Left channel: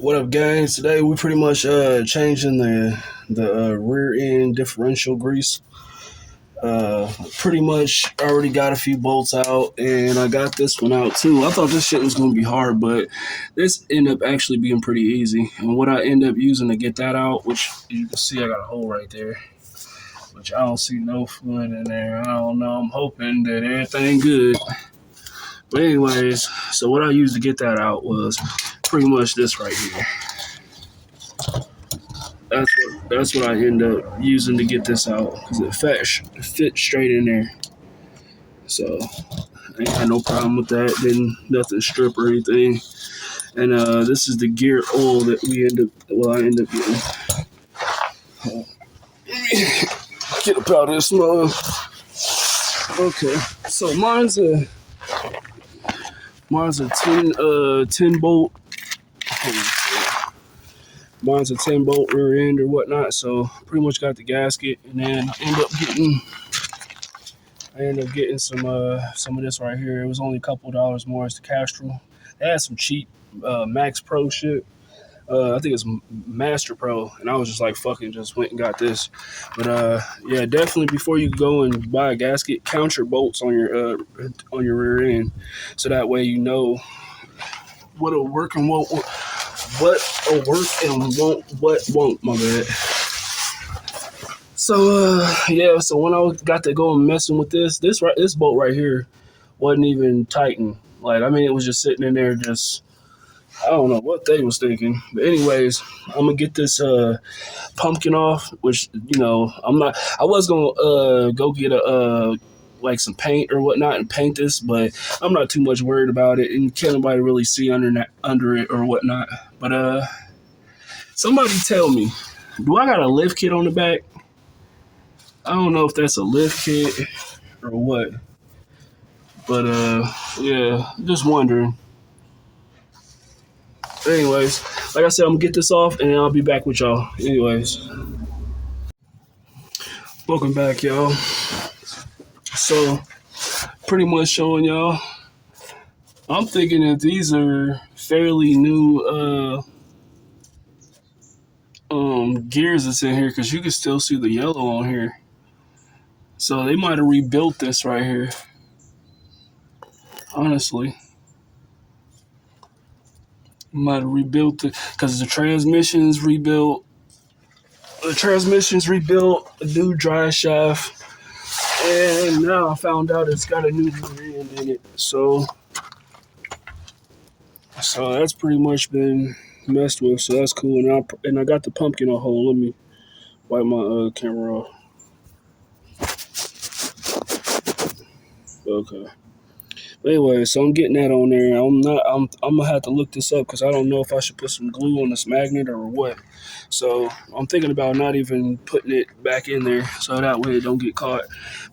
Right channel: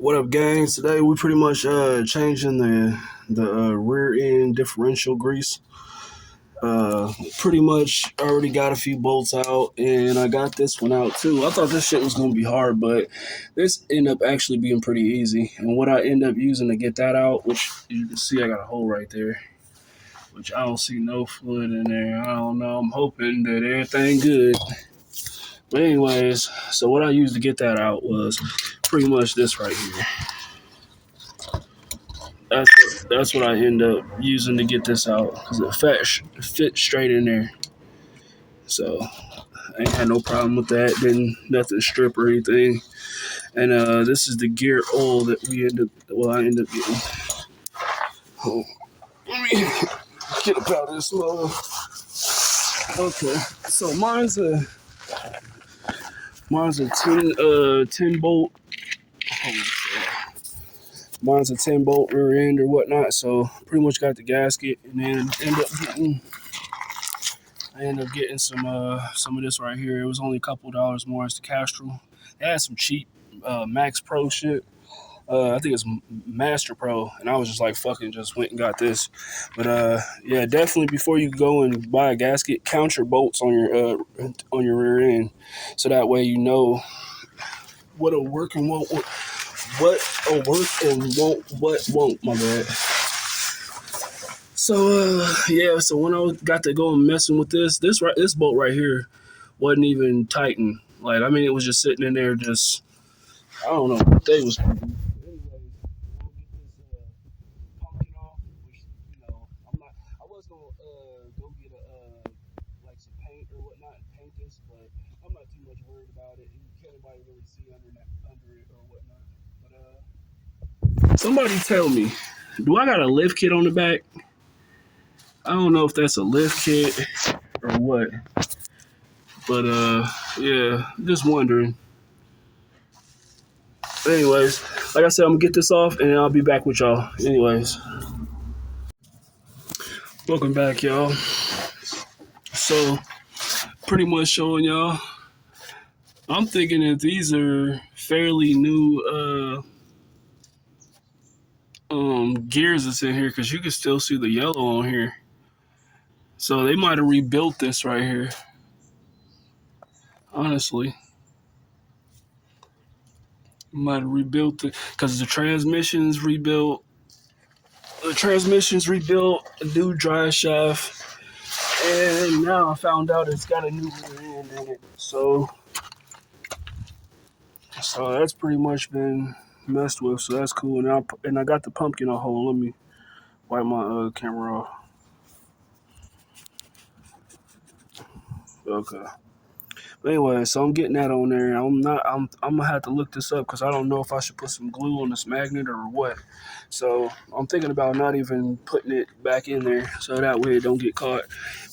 What up, gang? Today we pretty much changing the rear end differential grease. Pretty much already got a few bolts out, and I got this one out too. I thought this shit was gonna be hard, but this ended up actually being pretty easy. And what I end up using to get that out, which you can see I got a hole right there, which I don't see no fluid in there. I don't know. I'm hoping that everything good. But anyways, so what I used to get that out was pretty much this right here. That's what I end up using to get this out because it fit straight in there. So I ain't had no problem with that. Didn't nothing strip or anything. And this is the gear oil that I end up getting. Oh, let me get up out of this mug. Okay, so mine's a 10 bolt. Mine's a 10 bolt rear end or whatnot, so pretty much got the gasket, and then I end up getting some of this right here. It was only a couple dollars more. It's the Castrol. They had some cheap Max Pro shit. I think it's Master Pro, and I was just like, fucking, just went and got this. But yeah, definitely before you go and buy a gasket, count your bolts on your rear end, so that way you know what'll work and won't. What'll work and what won't, my bad. So yeah, so when I got to go and messing with this bolt right here wasn't even tightened. Like, I mean, it was just sitting in there, just I don't know what they was thinking. But anyways, I'm gonna get this pumpkin off, which, you know, I was gonna go get a like some paint or whatnot and paint this, but I'm not too much worried about it, and can't nobody really see under it or whatnot. But somebody tell me, do I got a lift kit on the back? I don't know if that's a lift kit or what, but yeah, just wondering. Anyways, like I said, I'm gonna get this off and I'll be back with y'all. Anyways, welcome back, y'all. So pretty much showing y'all, I'm thinking that these are fairly new gears that's in here, because you can still see the yellow on here. So they might have rebuilt this right here. Honestly, might have rebuilt it because the transmission's rebuilt. The transmission's rebuilt, a new drive shaft, and now I found out it's got a new brand in it. So that's pretty much been messed with. So that's cool. And I got the pumpkin a hole. Let me wipe my camera off. Okay. But anyway, so I'm getting that on there. I'm gonna have to look this up because I don't know if I should put some glue on this magnet or what. So I'm thinking about not even putting it back in there, so that way it don't get caught.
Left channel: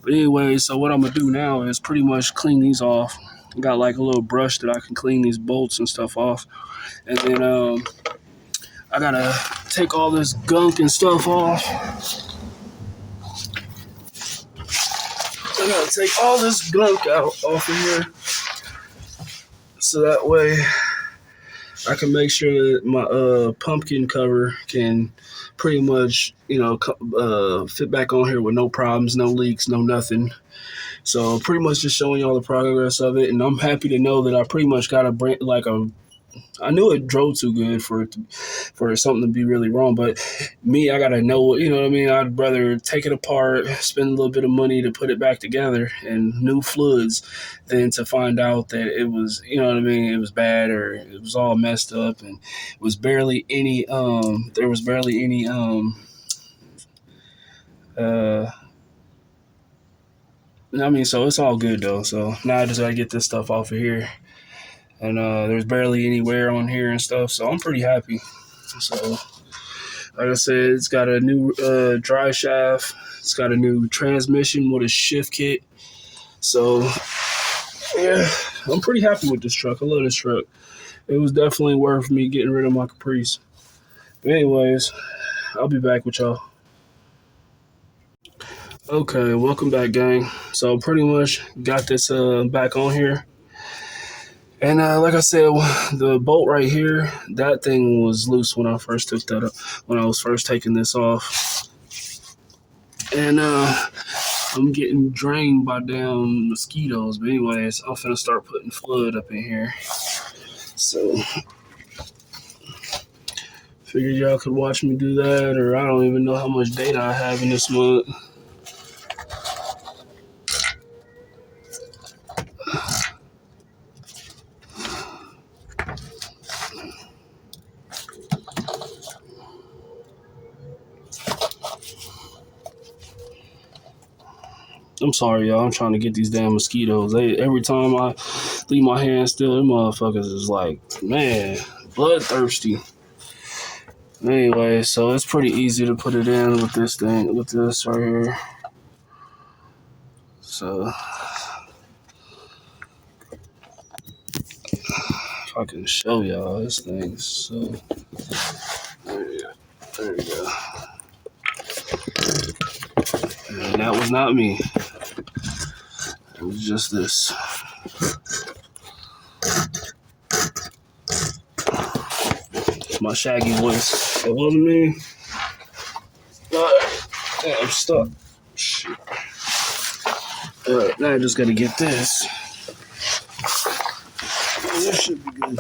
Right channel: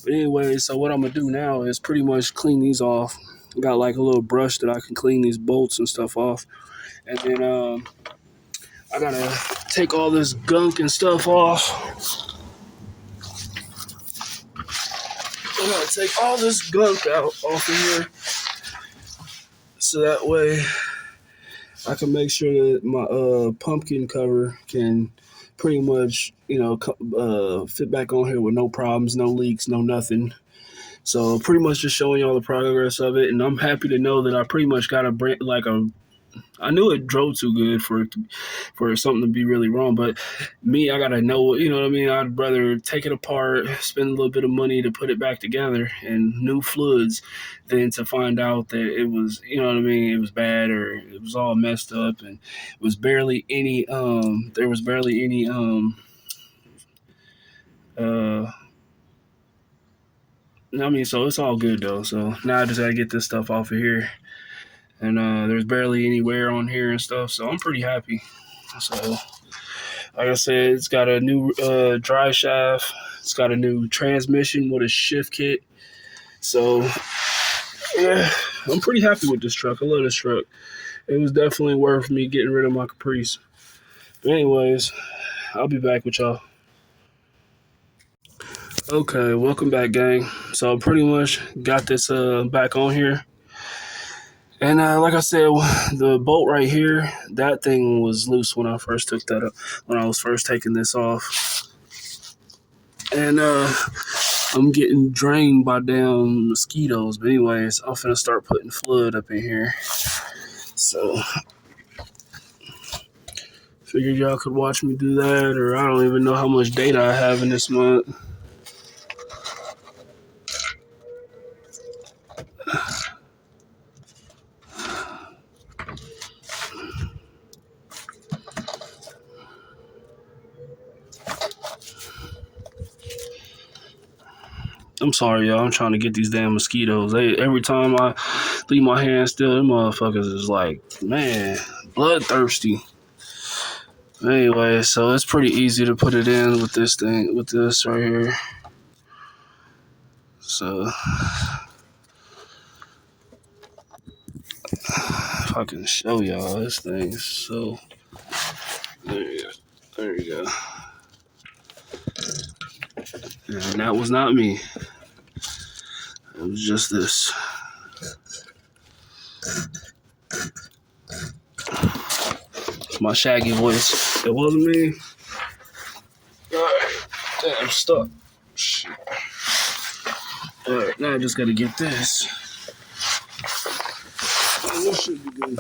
But anyway, so what I'm gonna do now is pretty much clean these off. I got like a little brush that I can clean these bolts and stuff off, and then I gotta take all this gunk and stuff off. I gotta take all this gunk off of here, so that way I can make sure that my pumpkin cover can pretty much, you know, fit back on here with no problems, no leaks, no nothing. So pretty much just showing y'all the progress of it, and I'm happy to know that I pretty much got I knew it drove too good for something to be really wrong, but me, I gotta know, you know what I mean? I'd rather take it apart, spend a little bit of money to put it back together and new fluids than to find out that it was, you know what I mean, it was bad or it was all messed up and it was barely any there was barely any I mean, so it's all good though. So now I just gotta get this stuff off of here. And there's barely any wear on here and stuff, so I'm pretty happy. So, like I said, it's got a new drive shaft. It's got a new transmission with a shift kit. So, yeah, I'm pretty happy with this truck. I love this truck. It was definitely worth me getting rid of my Caprice. But anyways, I'll be back with y'all. Okay, welcome back, gang. So I pretty much got this back on here. And like I said, the bolt right here, that thing was loose when I first took that up, when I was first taking this off. And I'm getting drained by damn mosquitoes. But anyways, I'm finna start putting flood up in here. So figured y'all could watch me do that, or I don't even know how much data I have in this month. I'm sorry, y'all. I'm trying to get these damn mosquitoes. Every time I leave my hands still, them motherfuckers is like, man, bloodthirsty. Anyway, so it's pretty easy to put it in with this thing, with this right here. So if I can show y'all, this thing is so. There you go. There you go. And that was not me. It was just this. My shaggy voice. It wasn't me. Damn, I'm stuck. Shit. Alright, now I just gotta get this. This should be good.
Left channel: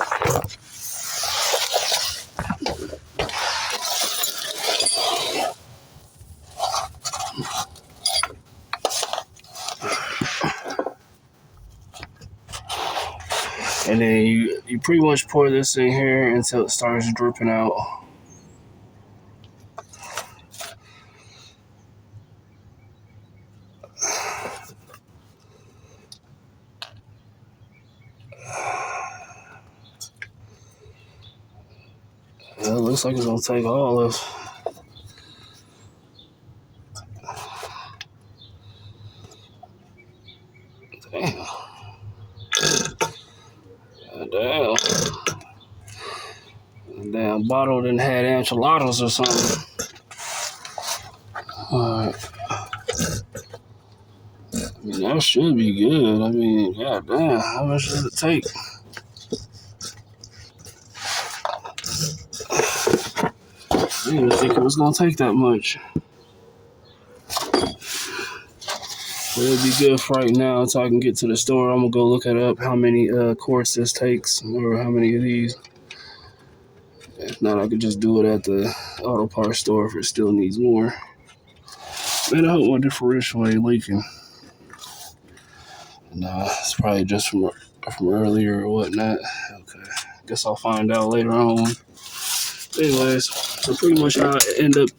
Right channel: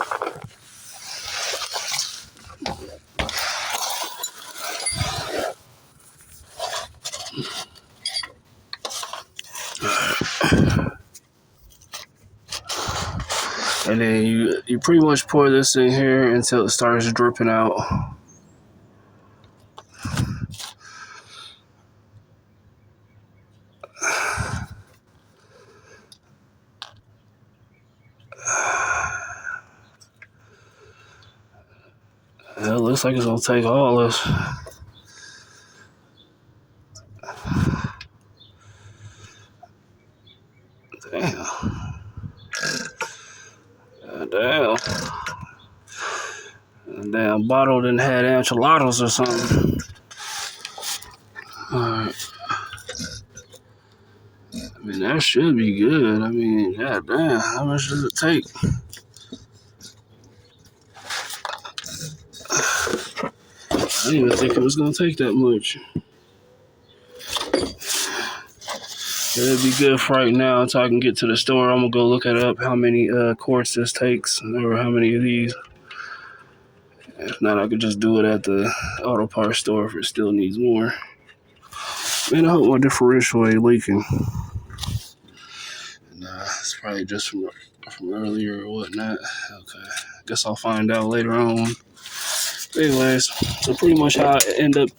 And then you pretty much pour this in here until it starts dripping out. It looks like it's gonna take all this. Damn. Damn. A damn bottle didn't have enchiladas or something. Alright. I mean, that should be good. I mean, god damn, how much does it take? I didn't even think it was gonna take that much. It'll be good for right now until I can get to the store. I'm gonna go look it up how many quarts this takes, or how many of these. If not, I could just do it at the auto parts store if it still needs more. Man, I hope my differential ain't leaking. Nah, it's probably just from earlier or whatnot. Okay, guess I'll find out later on. Anyways, so pretty much how I end up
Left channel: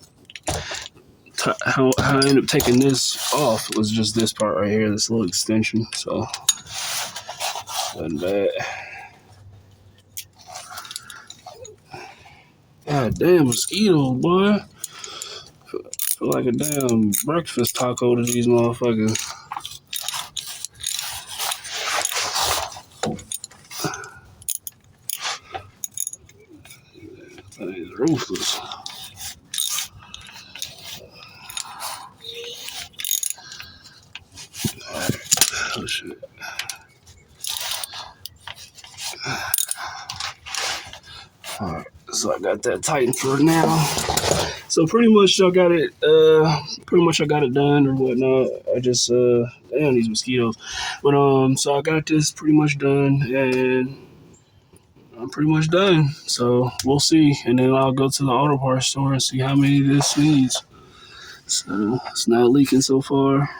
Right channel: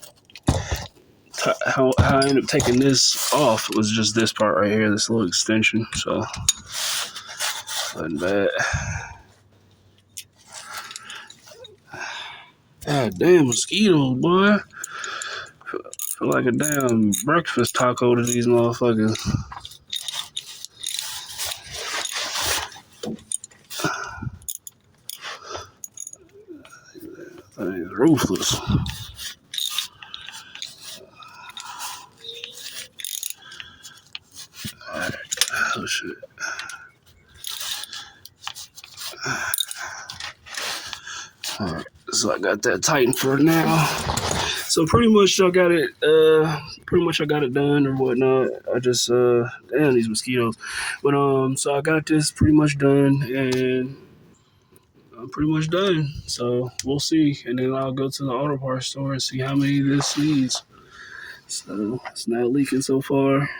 taking this off was just this part right here, this little extension. So wasn't bad. God damn mosquitoes, boy. Feel like a damn breakfast taco to these motherfuckers. That is ruthless. Alright. Oh shit. Alright, so I got that tightened for now. So pretty much I got it done or whatnot. I just damn these mosquitoes. But so I got this pretty much done, and I'm pretty much done. So we'll see. And then I'll go to the auto parts store and see how many this needs. So it's not leaking so far.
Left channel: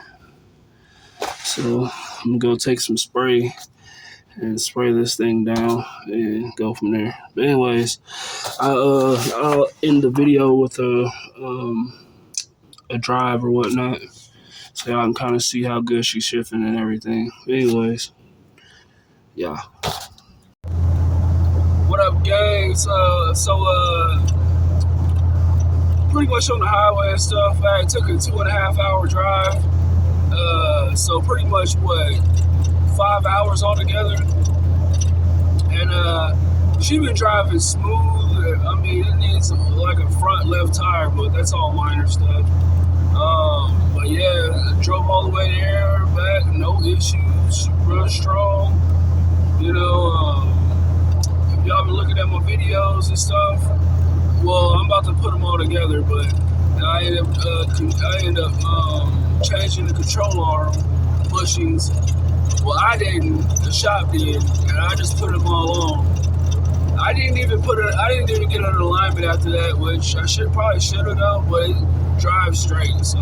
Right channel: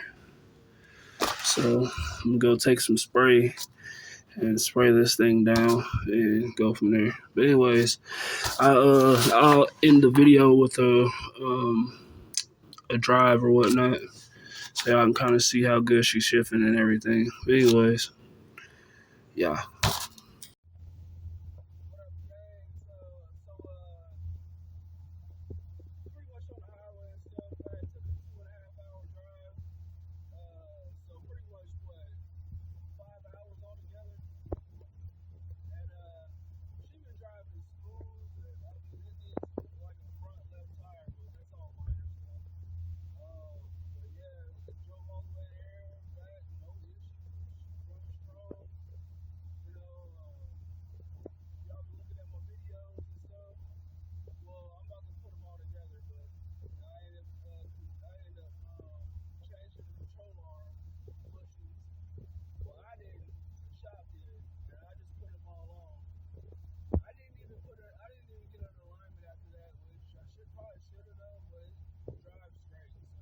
So I'm gonna go take some spray and spray this thing down and go from there. But anyways, I'll end the video with a drive or whatnot, so y'all can kind of see how good she's shifting and everything. But anyways, yeah. What up, gang? So pretty much on the highway and stuff. I took a 2.5 hour drive. So pretty much 5 hours altogether. And she been driving smooth. I mean, it needs like a front left tire, but that's all minor stuff. But yeah, drove all the way there, back, no issues, real strong. You know, if y'all been looking at my videos and stuff, well, I'm about to put them all together, but I ended up changing the control arm bushings. Well, I didn't. The shop did, and I just put them all on. I didn't even get an alignment after that, which I probably should have done, but it drives straight, so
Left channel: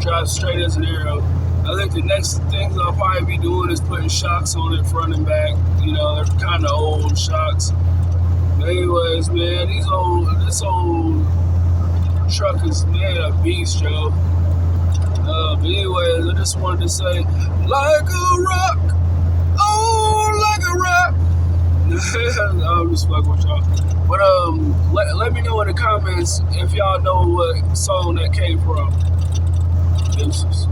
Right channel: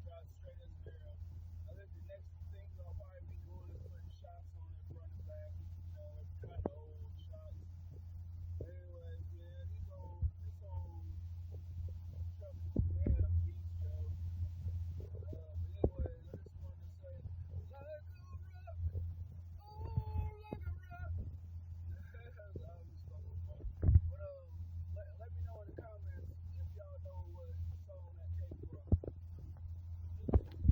drives straight as an arrow. I think the next things I'll probably be doing is putting shocks on it front and back. You know, they're kind of old shocks. But anyways, man, this old truck is, man, a beast, Joe. But anyways, I just wanted to say, like a rock, oh, like a rock. I'm just fucking with y'all. But let me know in the comments if y'all know what song that came from. Deuces.